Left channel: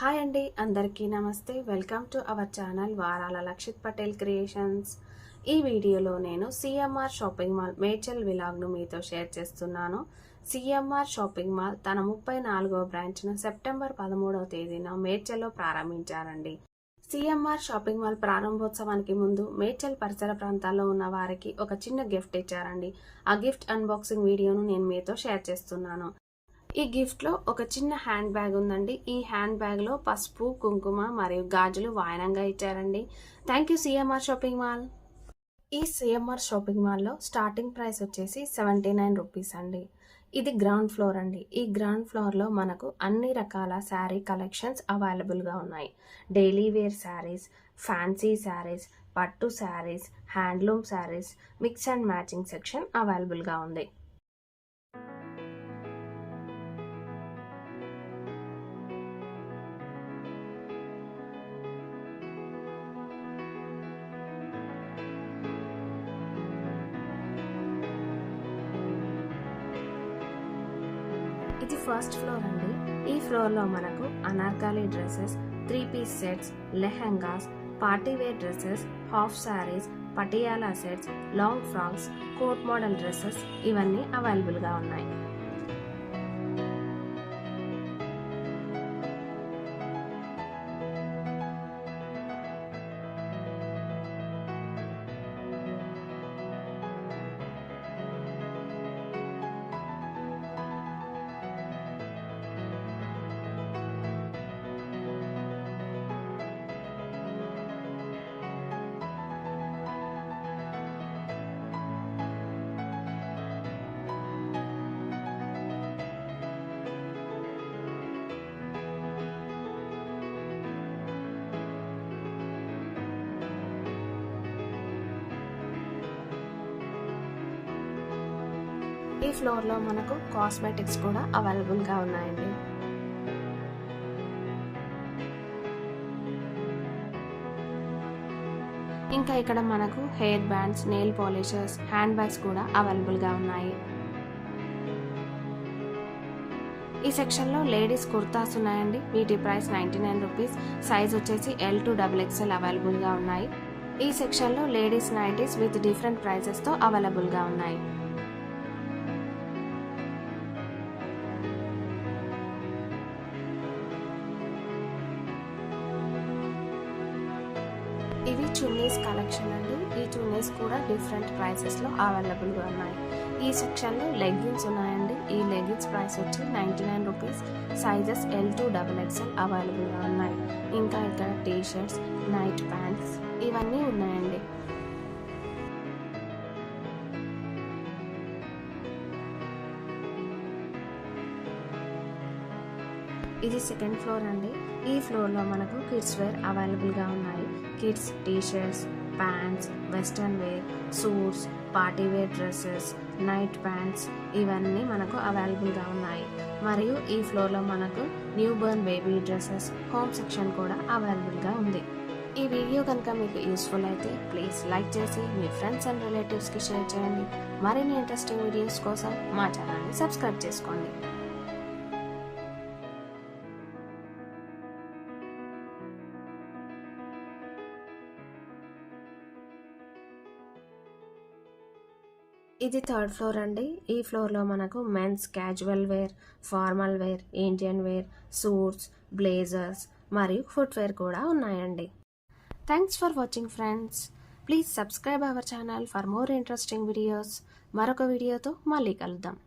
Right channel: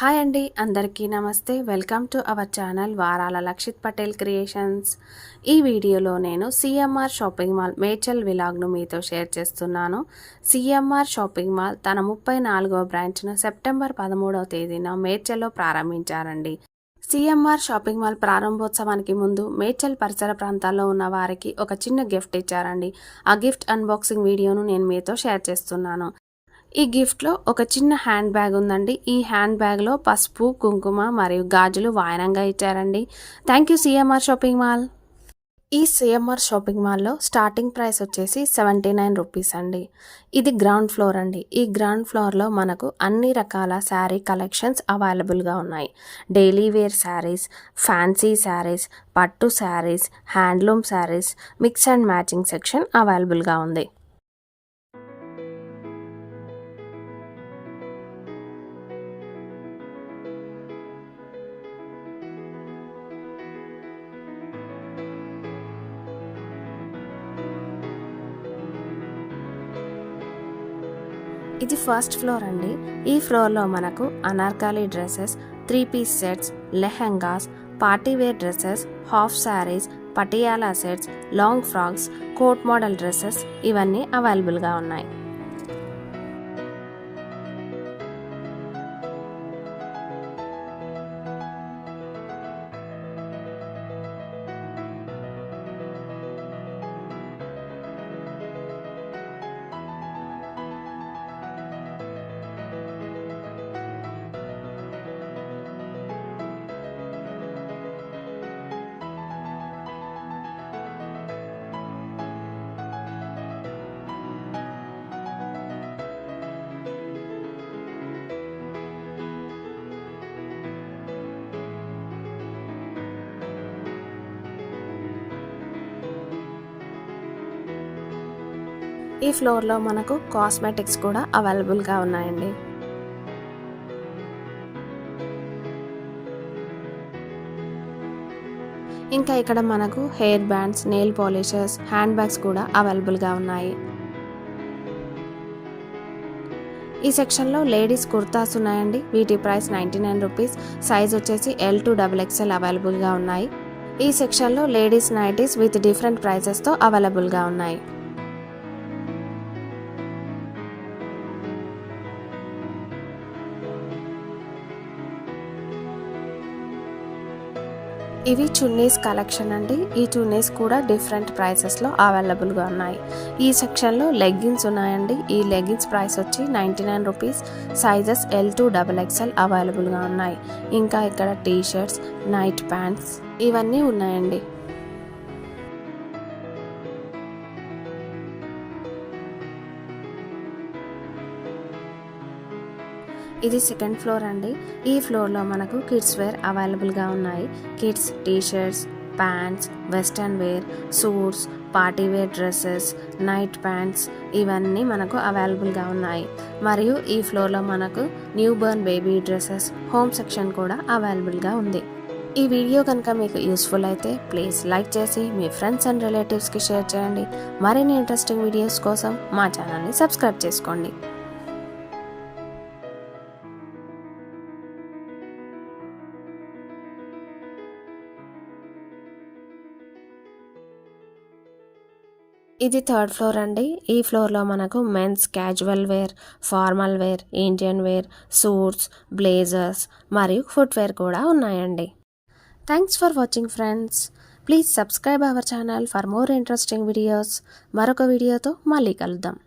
Hi అండి, అందరికీ నమస్తే. వెల్కమ్ టు అవర్ ఛానల్ వారాల లక్షిత్ పటేల్ క్రియేషన్స్. ఈ వీడియోలో నేను సిఎంఆర్ షాపింగ్ మాల్ మేడ్చల్ విలాగ్ను మీతో షేర్ చేస్తున్నాను. సిఎంఆర్ షాపింగ్ మాల్ తన 34వ బ్రాంచ్ను సెప్టెంబర్ 13వ తేదీన మేడ్చల్లో ప్రారంభించారండి. సిఎంఆర్ షాపింగ్ మాల్ ప్రారంభోత్సవానికి ముందు మేడ్చల్ పరిసర ప్రాంతాల్లో ఉన్న వారికి ఒక చిన్న గిఫ్ట్ ఇచ్చారండి. ఆ గిఫ్ట్ అన్బాక్సింగ్ వీడియోను నేను మీతో షేర్ చేస్తున్నాను. ఈ గిఫ్ట్లో ఒక చిన్న హ్యాండ్ బ్యాగ్ ఉందండి. ఈ హ్యాండ్ బ్యాగ్లో పసుపు, కుంకుమ మరియు గాజులు వాయనంగా ఇచ్చారండి. Thank you CMR shopping mall. ఈ సిఎంఆర్ షాపింగ్ మాల్లో స్టార్టింగ్ ప్రైస్ వచ్చేసి 79 రూపీస్ అండి. ఇది గ్రౌండ్ ఫ్లోర్ అండి. ఈ గ్రౌండ్ ఫ్లోర్లో మనకు అన్ని రకాల శారీ కలెక్షన్స్ అవైలబుల్గా ఉన్నాయి. Daily wear saris, fancy saris, పట్టు saris, handloom saris, mix and matching section అవైలబుల్గా ఉంది. ఇది ఫస్ట్ ఫ్లోర్ అండి. ఈ ఫ్లోర్లో మనకు anarkali dresses, 3 piece sets, lehengas, partywear dresses, half saris, Patiala sets, long frocks, coat model dresses ఇవన్నీ అవైలబుల్గా ఉన్నాయి. ఈ ఫ్లోర్లో మనకు కాస్మెటిక్స్ కూడా అవైలబుల్గా ఉన్నాయండి. ఇంకా ఇక్కడ మనకు hair bands, nail polishers, hand bags కూడా అవైలబుల్గా ఉన్నాయి. ఈ సెక్షన్లో లేడీస్ కుర్తాస్ ఉన్నాయండి. వీటి ప్రైస్ 99 రూపీస్. సైజ్ వచ్చేసి L to XXL అవైలబుల్గా ఉన్నాయి. ఈ సెక్షన్లో లేడీస్ నైటీస్ విత్ డిఫరెంట్ ప్రైసెస్తో అవైలబుల్గా ఉన్నాయి. ఇవి చున్నీస్ కలెక్షన్ అండి. ఈ చున్నీస్ కూడా డిఫరెంట్ ప్రైసెస్లో అవైలబుల్గా ఉన్నాయి. ఈ సెక్షన్లో లెగ్గిన్స్ ఉన్నాయండి. ఈ లెగ్గిన్స్ ప్రైస్ వచ్చి 99 rupees. Sizes L to XXL అవైలబుల్గా ఉన్నాయి. ఇంకా ఇక్కడ టీ షర్ట్స్, నైట్ ప్యాంట్స్ ఇవన్నీ ఉన్నాయండి. ఇది సెకండ్ ఫ్లోర్ అండి. ఈ ఫ్లోర్లో మనకు కిడ్స్ వేర్ అవైలబుల్గా ఉన్నాయి. Kids T shirts, pants, western wear, suits, party wear dresses, night pants ఇవన్నీ మనకు అవైలబుల్గా ఉన్నాయి. మరియు ఈ ఫ్లోర్లో మనకు new born baby dresses, home section కూడా అవైలబుల్గా ఉంది. ఈ వీడియో కనుక మీకు యూస్ఫుల్ అయితే ప్లీజ్ లైక్ చేసి మీ ఫ్రెండ్స్ అండ్ రిలేటివ్స్కి షేర్ చేయండి. మరిన్ని ఇంట్రెస్టింగ్ వీడియోస్ కోసం మా ఛానల్ని సబ్స్క్రైబ్ చేసుకోండి. ఇది థర్డ్ ఫ్లోర్ అండి. ఈ ఫ్లోర్లో మనకు men's casual wear, formal wear, Indian wear, suits, blazers మరియు ఫుట్వేర్ కూడా ఉన్నాయండి. Thanks for watching friends. Please subscribe our channel for more interesting videos. మరొక వీడియోతో మళ్ళీ కలుద్దాం.